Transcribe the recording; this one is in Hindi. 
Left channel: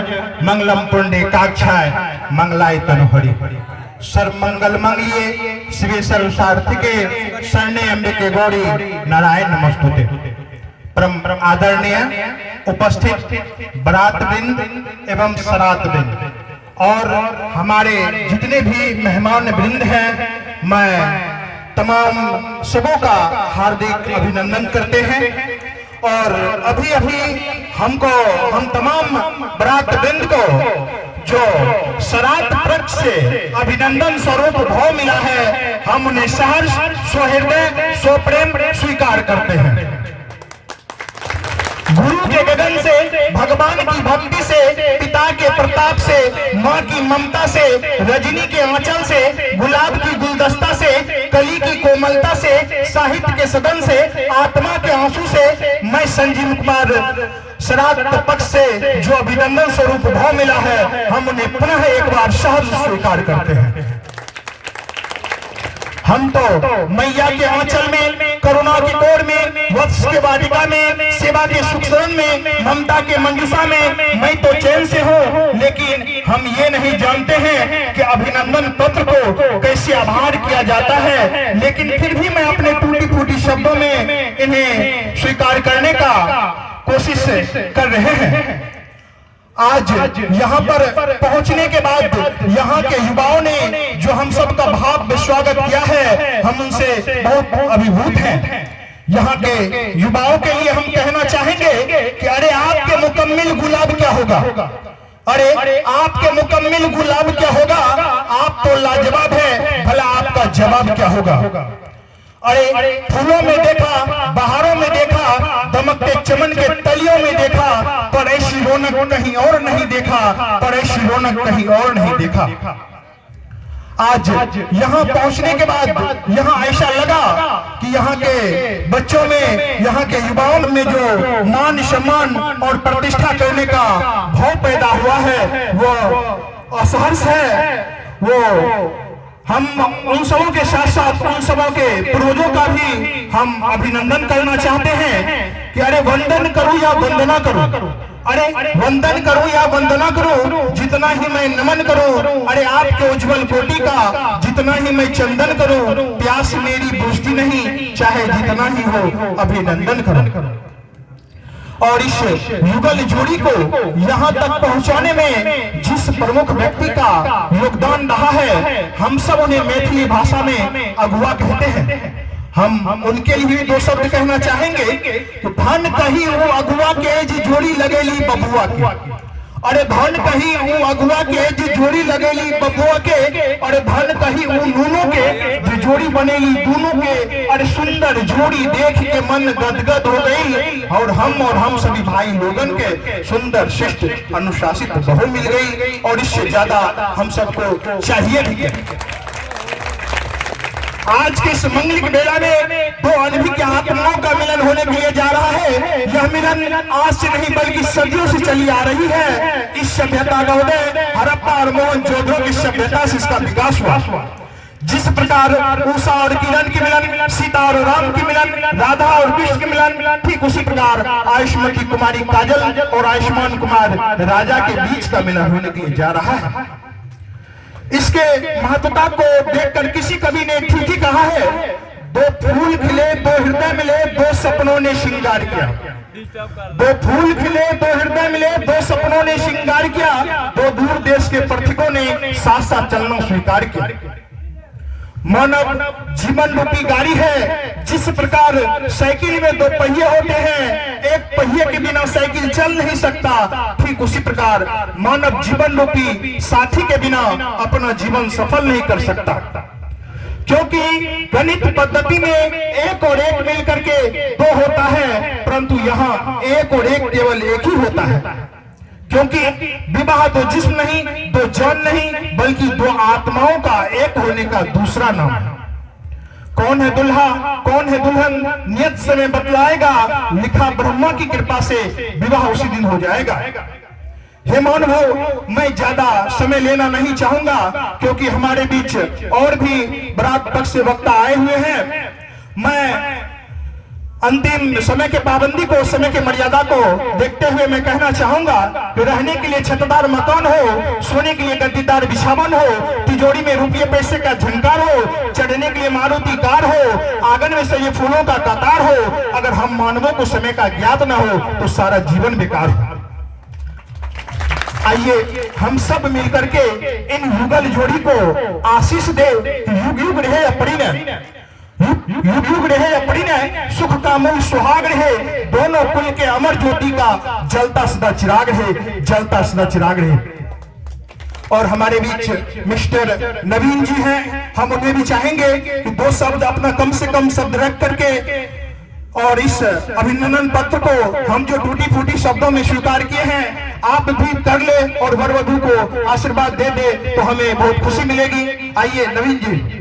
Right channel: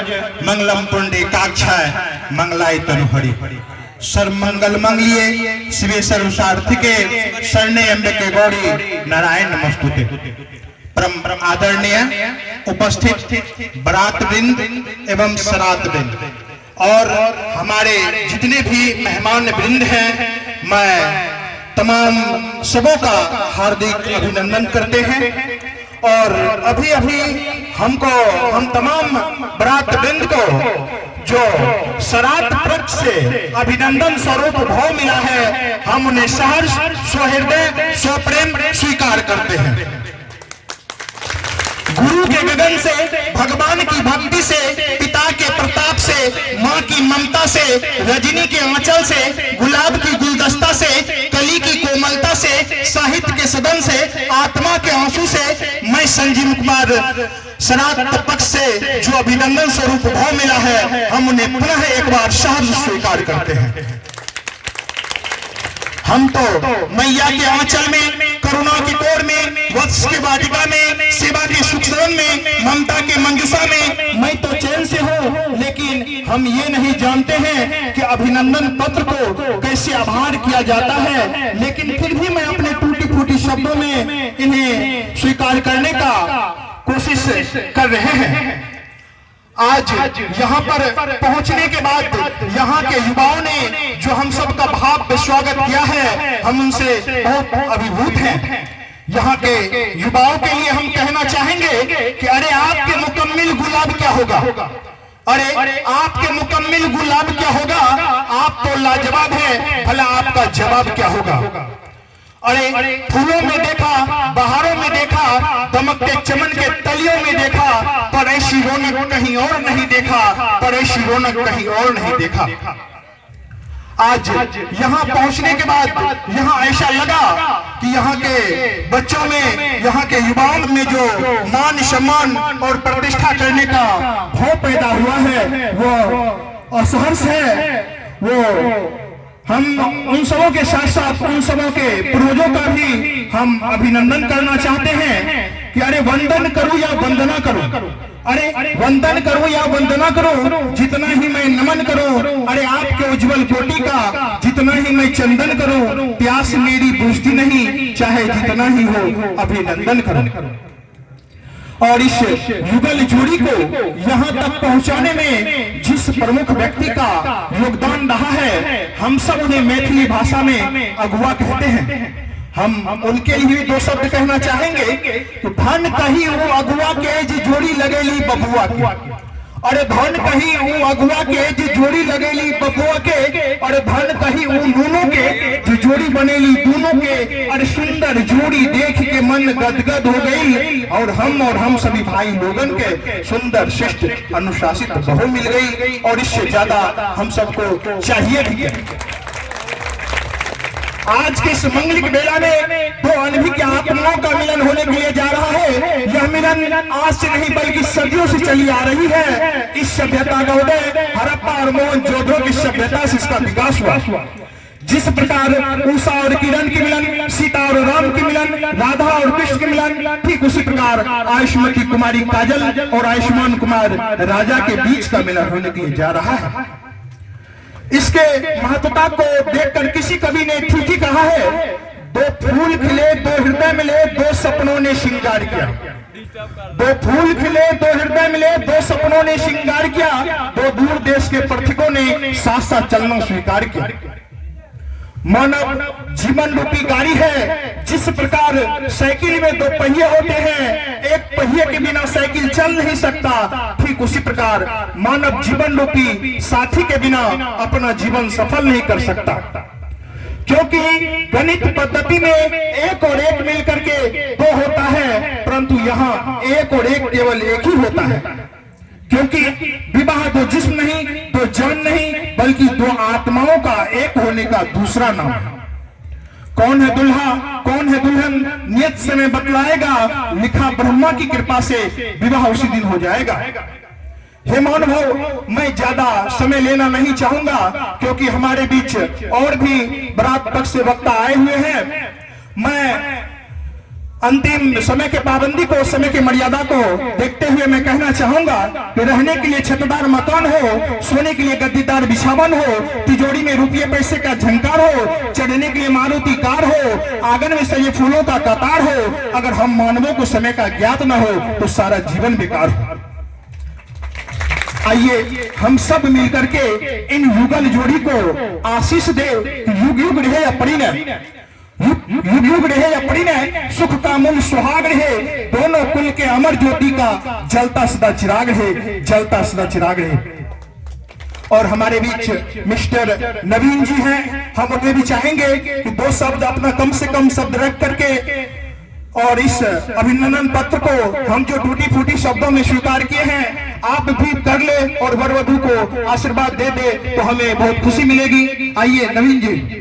मंगलम पुंडरीकाक्षाय मंगलाय तनुहरि सर्वमंगल मंगलिये शिवे सर्वसार्थिके शरणे अम्बिके गौरी नारायण नमस्तुते। परम आदरणीय उपस्थित बारात वृंद एवं सरात वृंद और हमारे जितने भी मेहमान वृंद हैं, मैं तमाम सबों का हार्दिक अभिनंदन करते हैं। और अभी अभी हम तमाम बारात वृंद को जो सरात पक्ष से अभिनंदन स्वरूप भाव मिला है, हम उन्हें सहर्ष स्वहृदय स्वप्रेम स्वीकार करते हैं। गुरु के गगन से, भगवान की भक्ति से, पिता के प्रताप से, माँ की ममता से, रजनी के आंचल से, गुलाब की गुलदस्ता से, कली की कोमलता से, साहित्य के सदन से, आत्मा के आंसू से मैं संजीव कुमार सरात पक्ष से जो अभिनंदन स्वरूप भाव मिला है, हम उन्हें पुनः एक बार सहर्ष स्वीकार करते हैं। हम तो मैया के आंचल में, करुणा की कोर में, वत्स के वाटिका में, सेवा के सुख सदन में, ममता के मंजूषा में मैं तो चैन से हूँ, लेकिन हम ये नहीं जानते हैं कि अभिनंदन पत्र को कैसे आभार किया जाता है। लेकिन फिर भी मैं अपने टूटी फूटी शब्दों में इन्हें स्वीकार करने का कोशिश कर रहे हैं। आज यहाँ पर पहुँचने के बाद यहाँ के युवाओं ने जो हम सबका भाव स्वागत किया है, हम उनसे बहुत अभिभूत हैं। यहाँ के युवाओं के लिए हम कहना चाहेंगे कि अरे आपके मुकम्मिल गुलाब क्या होगा, अरे आपके मुकम्मिल गुलाब क्या होगा, आप तो लाजवाब है, भला आपका जवाब क्या होगा। अरे फूलों में देखा, बहारों में देखा, दमकते चमन के तलियों में देखा, पर ऐसी रौनक कहीं और नहीं देखा, पर ऐसी रौनक कहीं और नहीं देखा। आज यहाँ पहुँचने के बाद यहाँ ऐसा लगा कि यहाँ के बच्चों में, यहाँ के युवाओं में जो मान सम्मान और प्रतिष्ठा करने का भाव पैदा हुआ है, वो असहर्ष है। वो हम उन सबों के साथ साथ उन सबों के पूर्वजों का भी हम अभिनंदन करना चाहते हैं कि अरे वंदन करो या वंदना करो, अरे वंदन करो या वंदना करो, जितना ही मैं नमन करूं, अरे आपके उज्जवल कोटि का जितना ही मैं चंदन करूं, प्यास मेरी बुझती नहीं, चाहे जितना ही हो अभिनंदन करो। और इस युगल जोड़ी को यहाँ तक पहुँचाने में जिस प्रमुख व्यक्ति का योगदान रहा है, हम सब उन्हें मैथिली भाषा में अगुआ कहते हैं। हम उनके लिए दो शब्द कहना चाहेंगे कि धन कहीं वो अगुआ के जी जोड़ी लगेली बबुआ के, अरे धन कहीं वो अगुआ के जी जोड़ी लगेली बबुआ के, अरे धन कहीं वो नूनों के जी जोड़ी बनेली दूनों के। अरे सुंदर जोड़ी देख के मन गदगद हो गई, और हम सभी भाई लोगन के सुंदर शिष्ट अनुशासित बहू मिल गई, और इससे ज्यादा हम सबको चाहिए भी। आज की इस मंगलिक बेला में दो अनभिज्ञ आत्माओं का मिलन होने के लिए जा रहा है। यह मिलन आज से नहीं बल्कि सदियों से चली आ रही है। इस सभ्यता का उदय हड़प्पा और मोहनजोदड़ो की सभ्यता से इसका विकास हुआ। जिस प्रकार उषा और किरण की मिलन, सीता और राम की मिलन, राधा और कृष्ण की मिलन, ठीक उसी प्रकार आयुष्मती कुमारी काजल और आयुष्मान कुमार राजा के बीच का मिलन होने के लिए जा रहा है। इसके महत्वता को देखकर किसी कवि ने ठीक ही कहा है, दो फूल खिले दो हृदय मिले, दो सपनों ने श्रृंगार किया। दो फूल खिले दो हृदय मिले, दो सपनों ने श्रृंगार किया, दो दूर देश के पथिकों ने साथ साथ चलना स्वीकार किया। मानव जीवन रूपी गाड़ी है। जिस प्रकार साइकिल में दो पहिए होते हैं, एक पहिए के बिना साइकिल चल नहीं सकता, ठीक उसी प्रकार मानव जीवन रूपी साथी के बिना अपना जीवन सफल नहीं कर सकता। क्योंकि गणित पद्धति में एक और एक मिल करके दो होता है, परंतु यहाँ एक और एक केवल एक ही होता है। क्योंकि विवाह दो जिस्म नहीं, दो जान नहीं, बल्कि दो आत्माओं का एक होने का दूसरा नाम है। कौन है दुल्हा, कौन है दुल्हन, नियत समय बतलाएगा, लिखा ब्रह्मा की कृपा से विवाह उसी दिन हो जाएगा। हे मानव, मैं ज्यादा समय लेना नहीं चाहूंगा, क्योंकि हमारे बीच और भी बारात पक्ष से वक्ता आए हुए हैं। मैं अंतिम समय के पाबंदी को, समय की मर्यादा को देखते हुए मैं कहना चाहूंगा कि रहने के लिए छतदार मकान हो, सोने के लिए गद्दीदार बिछावन हो, तिजोरी में रुपये पैसे का झंकार हो, चढ़ने के लिए मारुति कार हो, आंगन में सजे फूलों का कतार हो, अगर हम मानवों को समय का ज्ञात न हो तो सारा जीवन बेकार हो। आइए हम सब मिलकर के इन युगल जोड़ी को आशीष दे। युग युग रहे अपनी युग युग रहे अपनी सुख का मूल सुहाग रहे, दोनों कुल के अमर ज्योति का जलता सदा चिराग रहे, जलता सदा चिराग रहे। और हमारे बीच मिस्टर नवीन जी हैं, हम उन्हें भी चाहेंगे कि दो शब्द अपना कम से कम शब्द रख करके और इस अभिनंदन पत्र को हम जो टूटी फूटी शब्दों में स्वीकार किए हैं आप भी कर ले और वर वधू को आशीर्वाद दे दे तो हमें बहुत खुशी मिलेगी। आइए नवीन जी।